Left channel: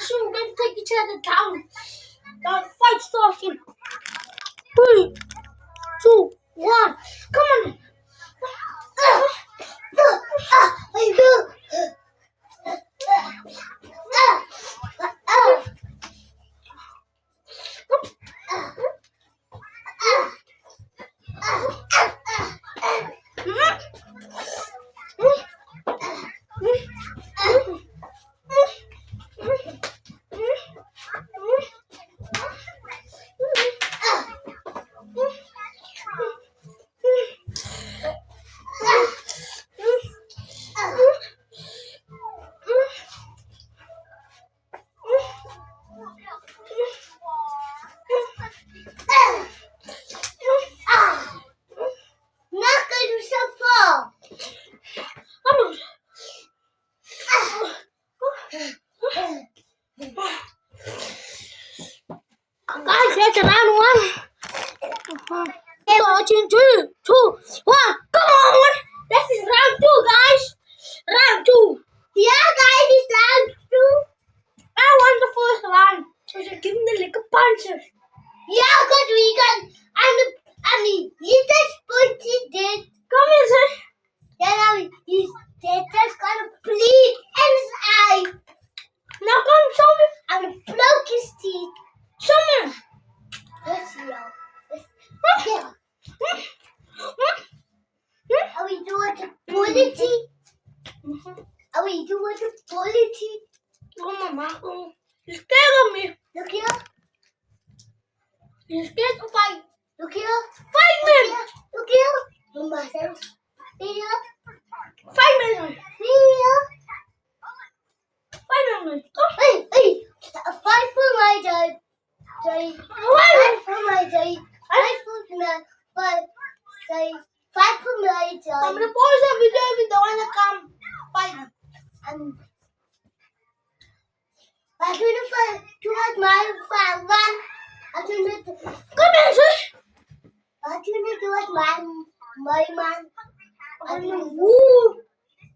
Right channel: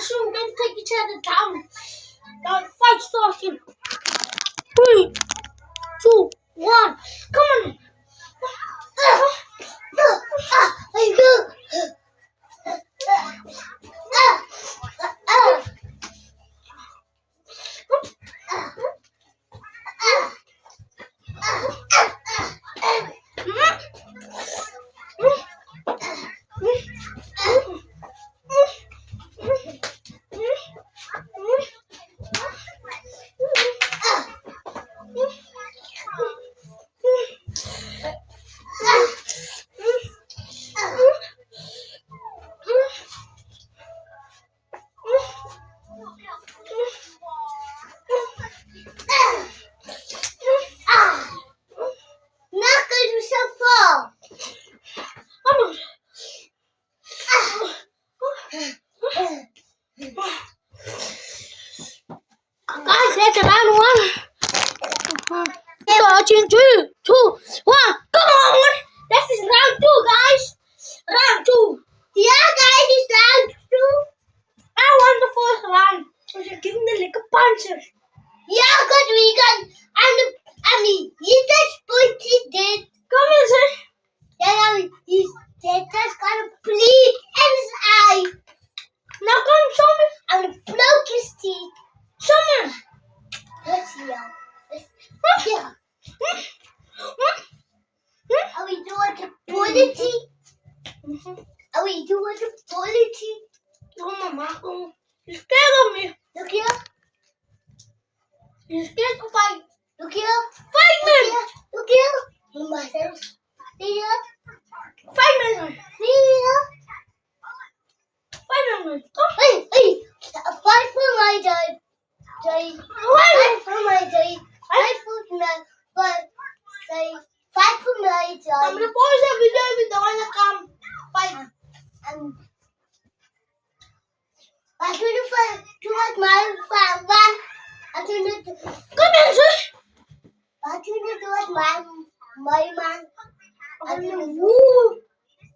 so we're going to take each other down. Now the fight's starting. 3, 2, 1. Come on. Guys, it's round 1. Starting 3, 2, 1. Come on! This is round 2, guys. Round 2. Yeah, guys, it's round 2. I won the first round. So you're giving the liquor punches. Yeah, because we got. I mean, you just put it there. Come here, sir. Yeah, I mean, you just got to bleed in his eye. Now come, show me. I'm gonna broke his teeth. Show me. Let's see, y'all. Yeah. Are we doing the quality? Are we doing the quality? Oh, Mama. You're scared of me. Look here. You're scared to fight. Look here. Fight me. Look here. Look myself. See here. Fight me. See here. Fight me. Hey, hey. Fight for my dad. Fight for my dad. Fight for my dad. Fight for my dad. I'm gonna pause the video if you don't wanna come fight. I'm gonna fight towards my fan. I'm gonna Come here, sir. I'm gonna do it my man. I'm gonna Woo.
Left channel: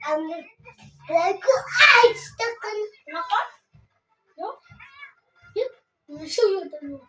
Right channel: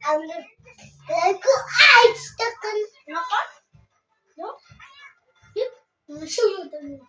I'm gonna like I stuck in. Knock on? No? Yep. I'll show you the move.